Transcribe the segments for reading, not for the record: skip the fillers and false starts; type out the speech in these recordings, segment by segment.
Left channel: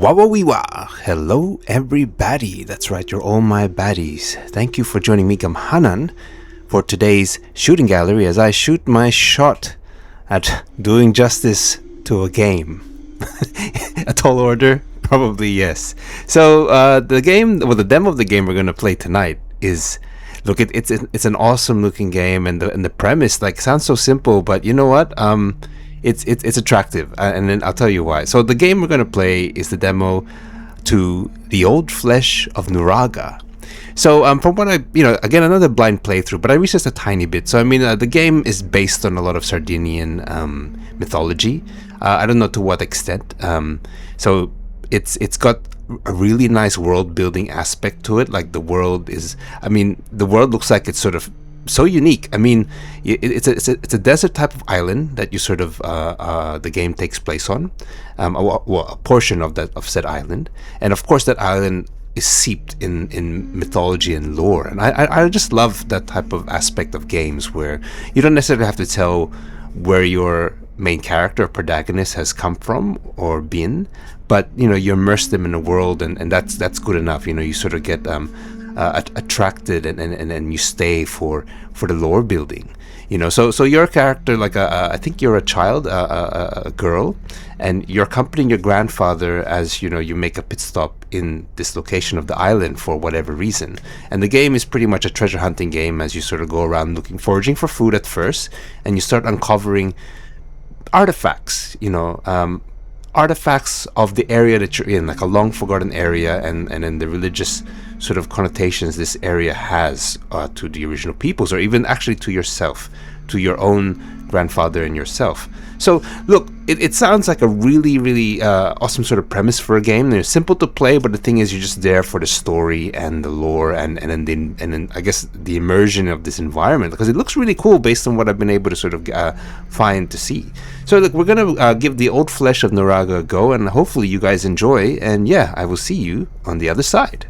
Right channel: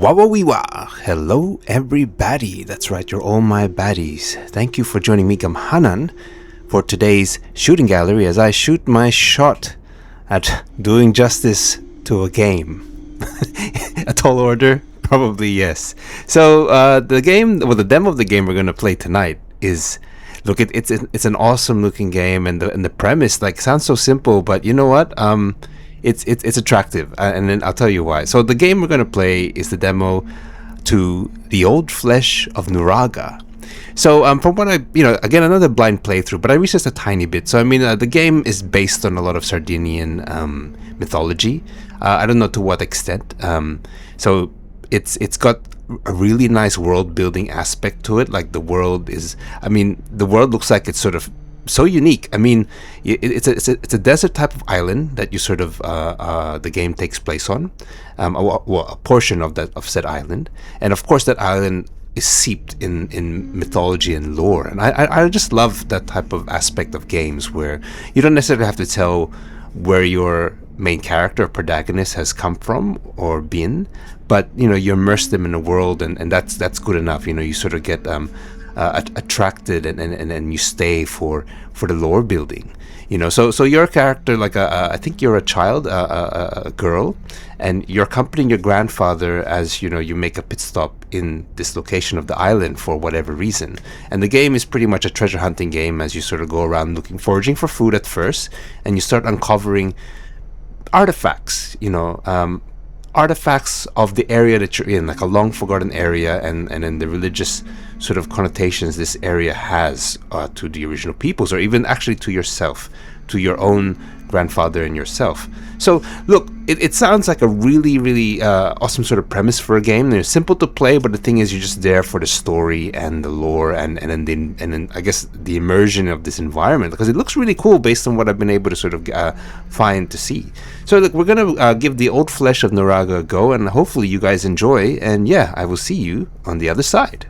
Wawawiwa! Hello everybody, that's right, you're all my baddies. Thank you for joining me, Gamhanan, for today's shooting gallery as I shoot my shot at doing justice to a game. A tall order? Probably yes. So the demo of the game we're going to play tonight is... Look, it's an awesome looking game, and the premise sounds so simple, but you know what? It's attractive, and then I'll tell you why. So the game we're gonna play is the demo to the Old Flesh of Nuraga. So from what again, another blind playthrough, but I researched a tiny bit. So the game is based on a lot of Sardinian mythology. I don't know to what extent. So it's got a really nice world building aspect to it. Like the world looks like it's sort of so unique. It's a desert type of island that you sort of the game takes place on, a portion of said island, and of course that island is seeped in mythology and lore. And I just love that type of aspect of games where you don't necessarily have to tell where your main character or protagonist has come from or been, but you immerse them in a world, and that's good enough. You sort of get attracted and you stay for the lore building. So your character, I think you're a child, a girl, and you're accompanying your grandfather as you make a pit stop in this location of the island for whatever reason. And the game is pretty much a treasure hunting game as you sort of go around foraging for food at first, and you start uncovering artifacts, artifacts of the area that you're in, like a long forgotten area, and then the religious sort of connotations this area has to the original peoples, or even actually to yourself, to your own grandfather and yourself. So look, it sounds like a really, really awesome sort of premise for a game. They're simple to play, but the thing is, you're just there for the story and the lore, and then I guess the immersion of this environment, because it looks really cool based on what I've been able to sort of find to see. So look, we're gonna give the Old Flesh of Nuraga a go, and hopefully you guys enjoy. And yeah, I will see you on the other side.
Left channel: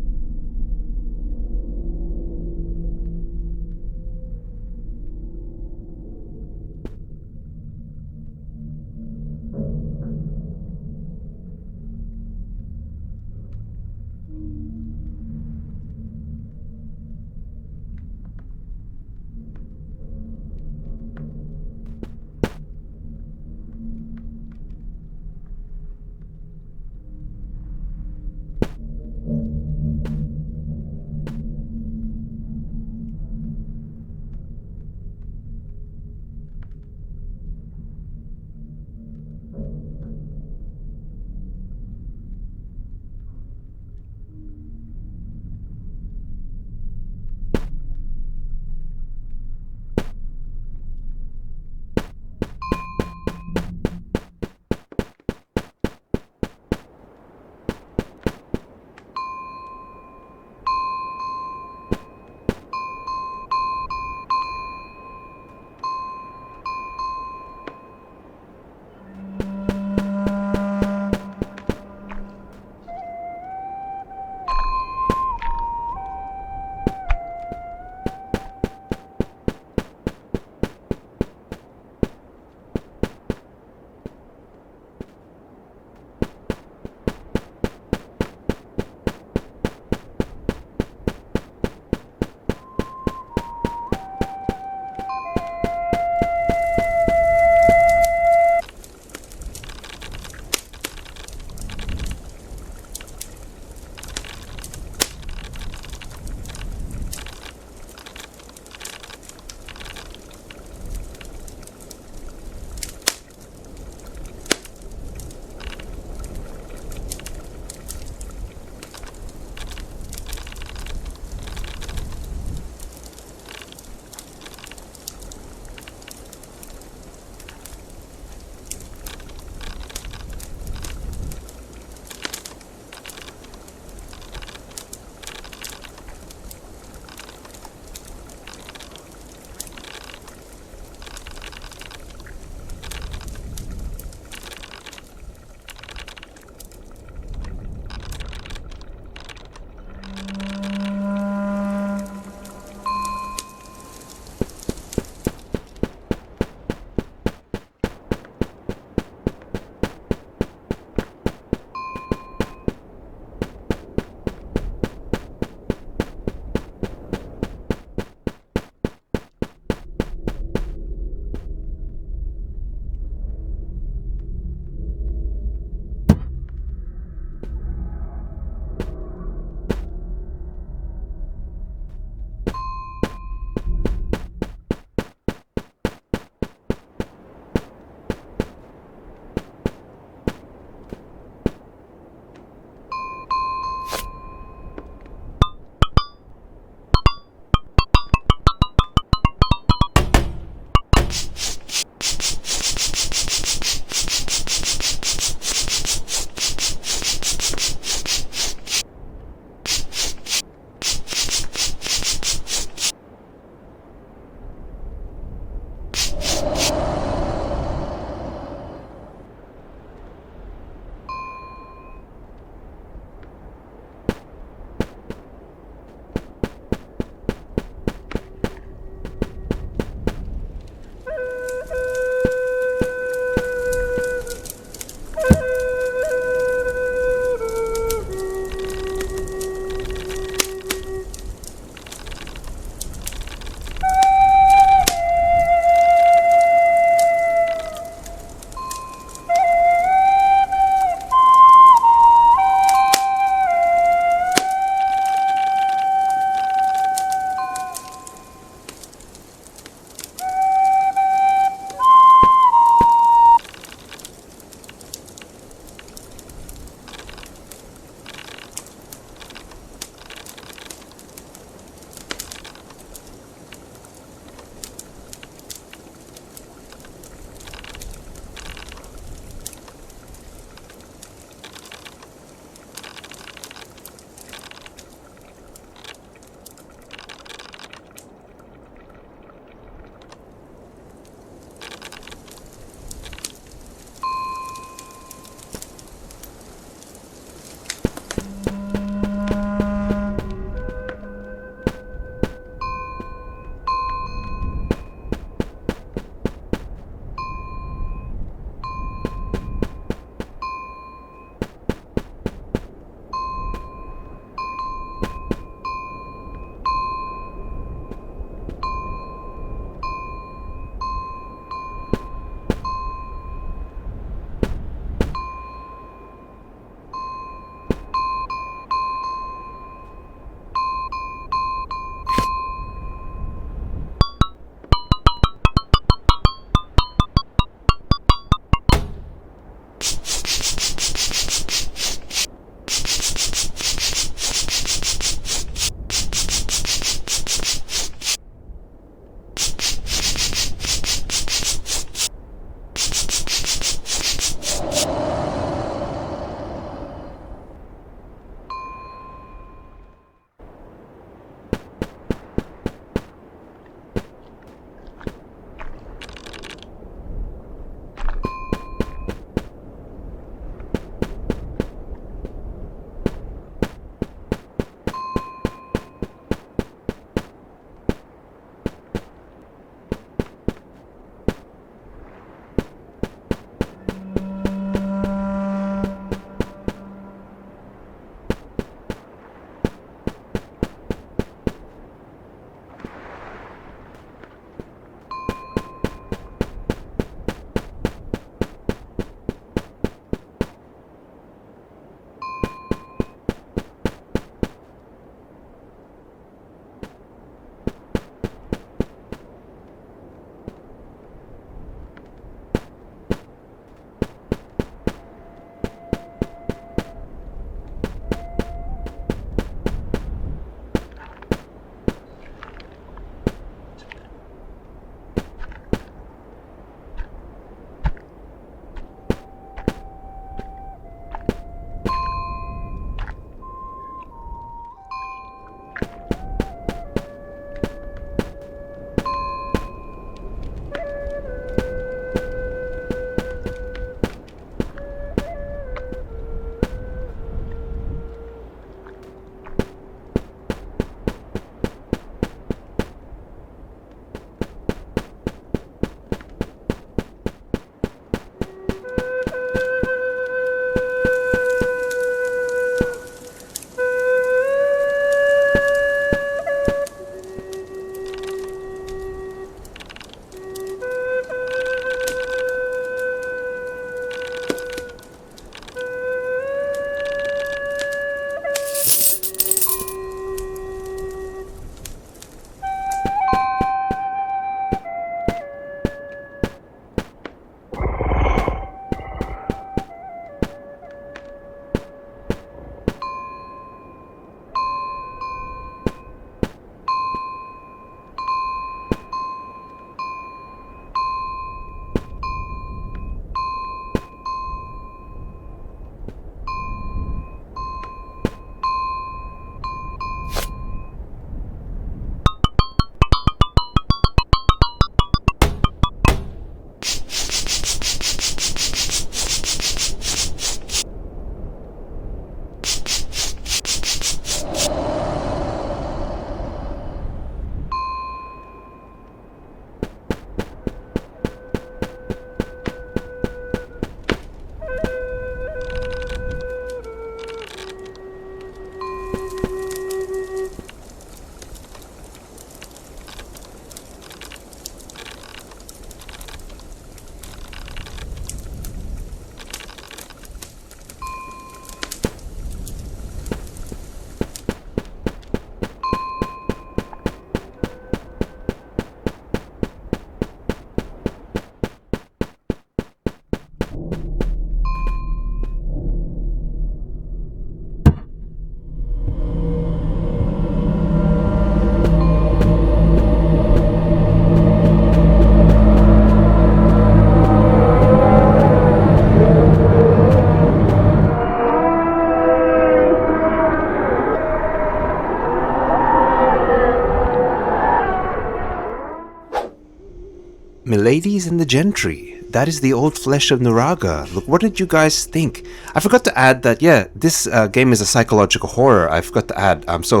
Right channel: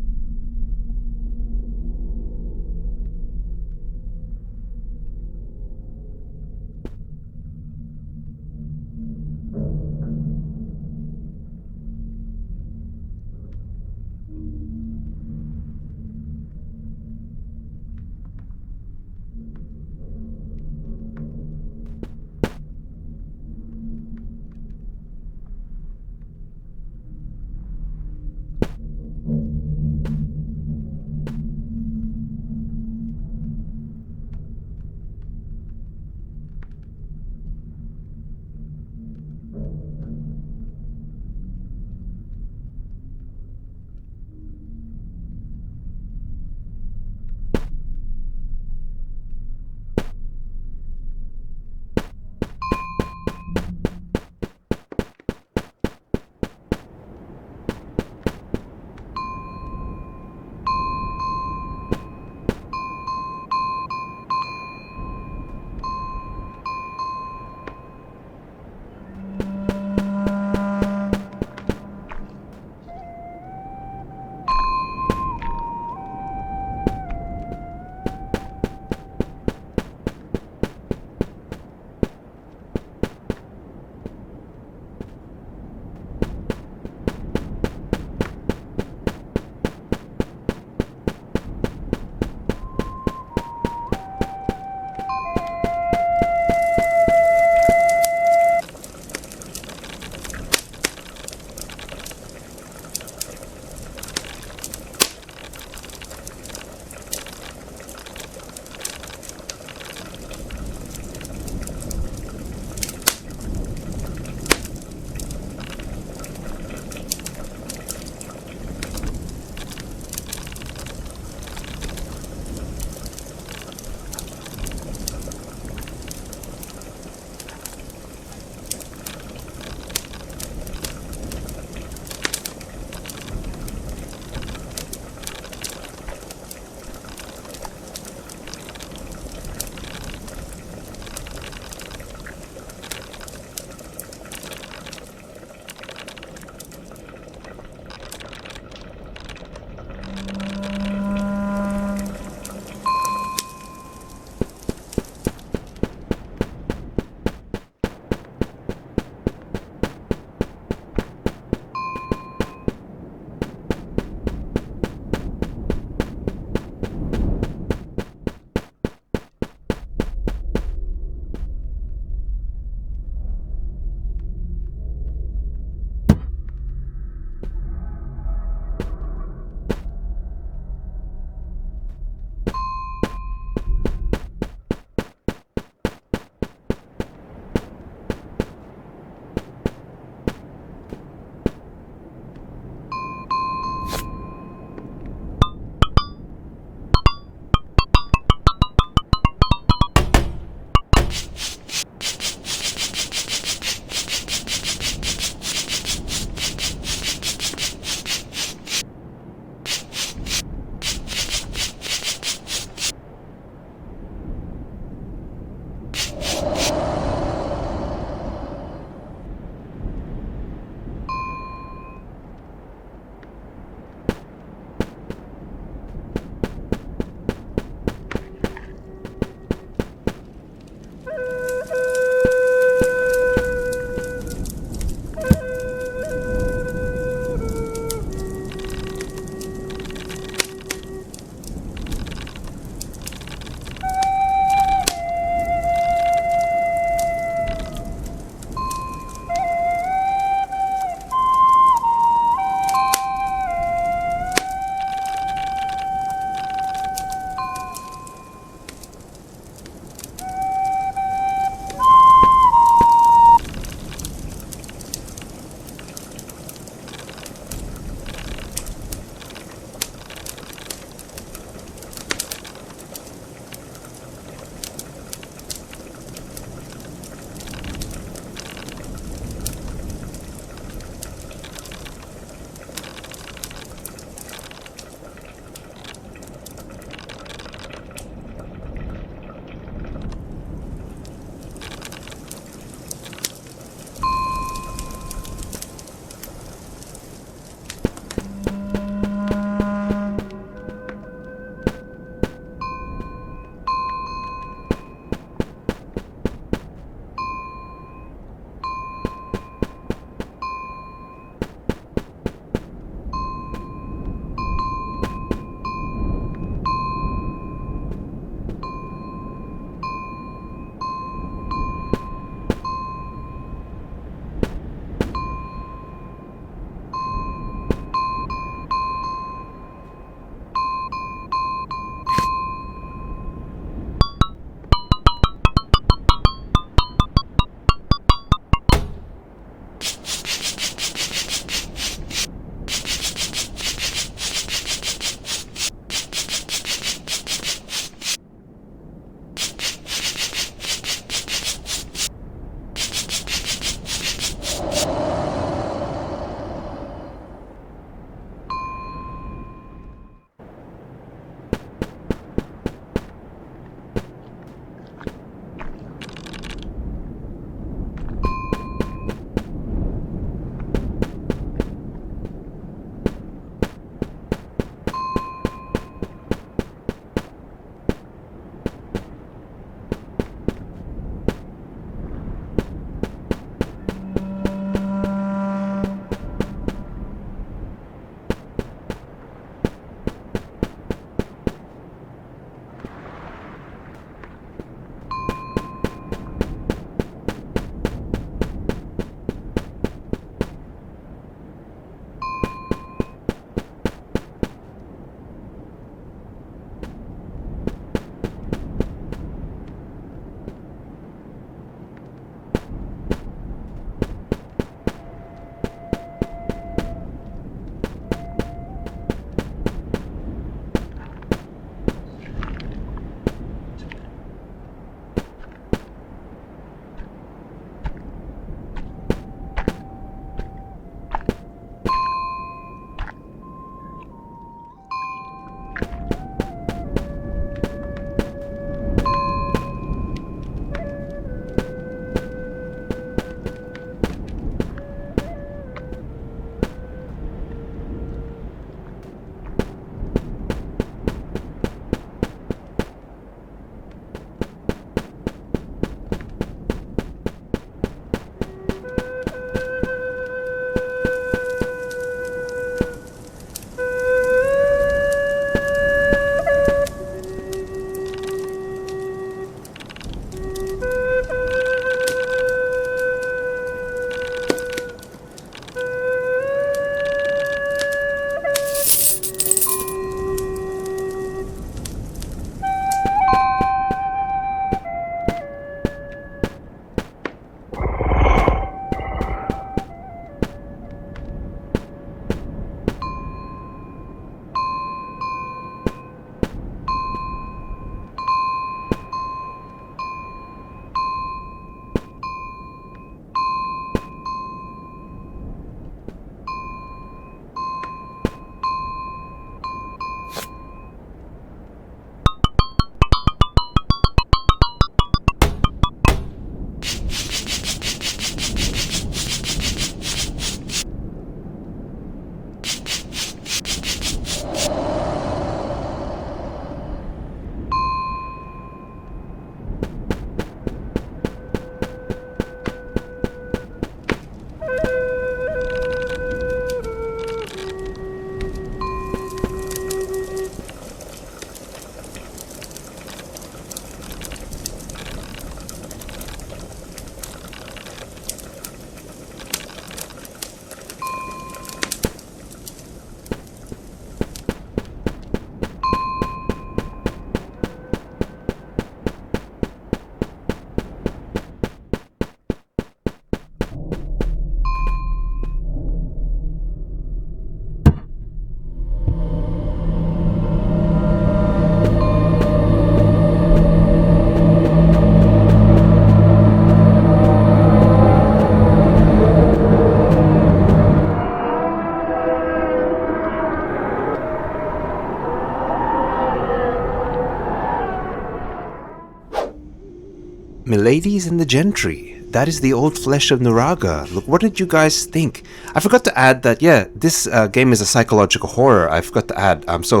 Miladies and the Gentry. That is the Old Flesh of Nuraga. Look, what did you guys think? I forgot to add that, yeah, this game is a psychological horror. I forgot to add. So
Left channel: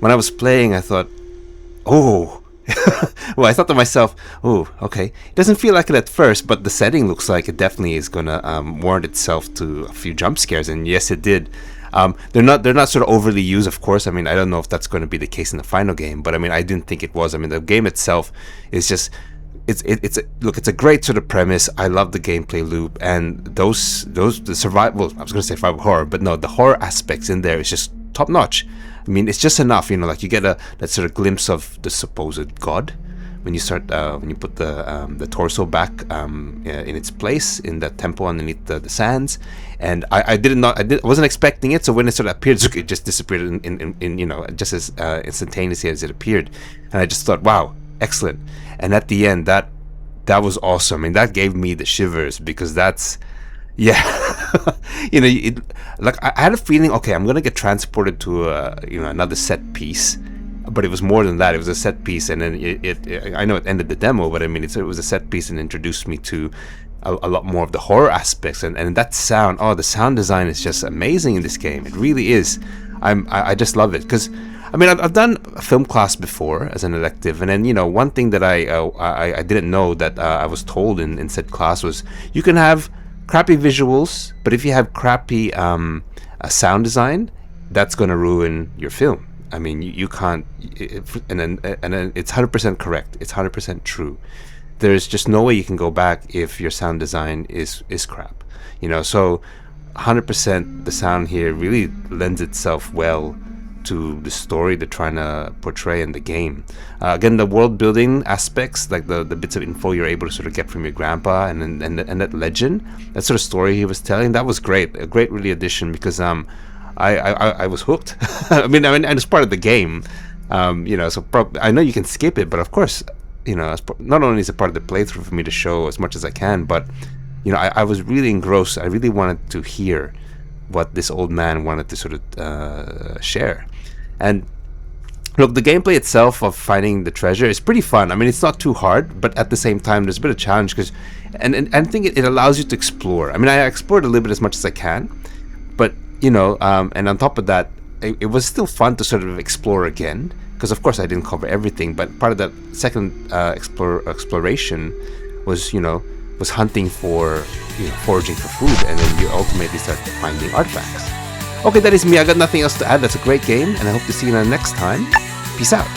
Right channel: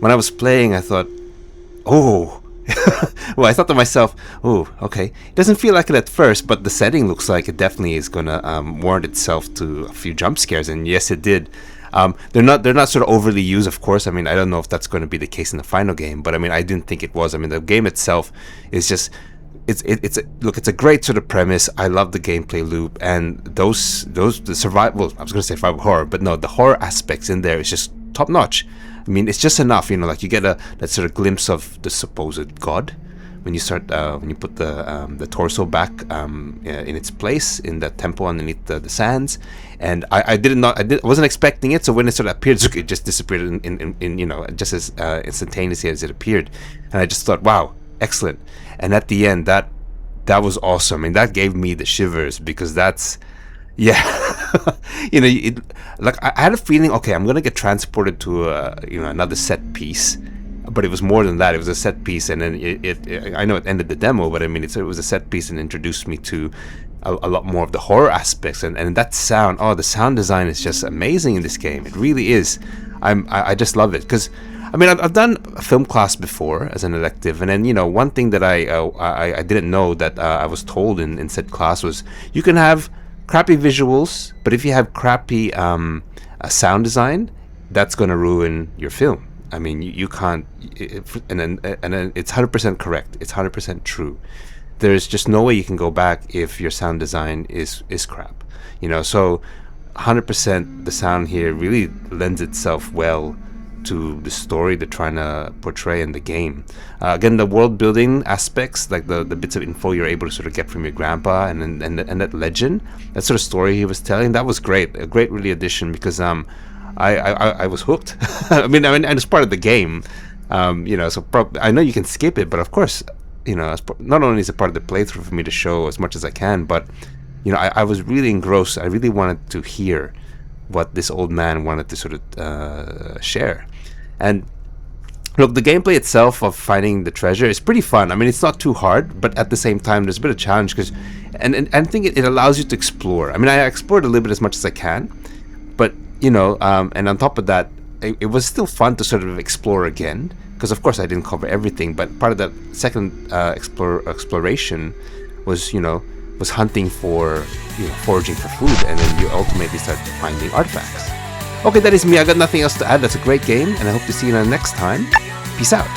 when I was playing, I thought, oh. Well, I thought to myself, oh, okay. It doesn't feel like it at first, but the setting looks like it definitely is going to warrant itself to a few jump scares. And yes, it did. They're not sort of overly used, of course. I mean, I don't know if that's going to be the case in the final game, but I mean, I didn't think it was. I mean, the game itself is just... It's a great sort of premise. I love the gameplay loop, and the survival. I was going to say survival horror, but no, the horror aspects in there is just top notch. I mean, it's just enough, like you get that sort of glimpse of the supposed god when you put the torso back in its place in the temple underneath the sands, and I wasn't expecting it. So when it sort of appeared, it just disappeared in just as instantaneously as it appeared, and I just thought, wow, excellent. And at the end, that was awesome. I mean, that gave me the shivers, because that's, yeah, like I had a feeling, okay, I'm gonna get transported to another set piece, but it was more than that. It was a set piece, and then I know it ended the demo, but I mean, it was a set piece and introduced me to a lot more of the horror aspects, and that sound. Oh, the sound design is just amazing in this game. It really is. I just love it, because I mean, I've done a film class before as an elective, and then one thing that I didn't know that I was told in said class was you can have crappy visuals, but if you have crappy sound design, that's going to ruin your film. I mean, you can't, and then it's 100% correct. It's 100% true. There's just no way you can go back if your sound design is crap. So 100% the sound here really lends itself well to the story they're trying to portray in the game. Again, the world building aspects, like the bits of info you're able to sort of get from your grandpa, and that legend, that sort of story he was telling, that was great. A great really addition, because I was hooked. I mean, and it's part of the game. So I know you can skip it, but of course, not only is it part of the playthrough for me to show as much as I can, but I was really engrossed. I really wanted to hear what this old man wanted to sort of share. And look, the gameplay itself of finding the treasure is pretty fun. I mean, it's not too hard, but at the same time, there's a bit of challenge, because, and I think it allows you to explore. I mean, I explored a little bit as much as I can, but and on top of that, it was still fun to sort of explore again, because of course I didn't cover everything, but part of that second exploration was was hunting for foraging for food, and then you ultimately start finding artifacts. Okay, that is me. I got nothing else to add. That's a great game, and I hope to see you next time. Peace out.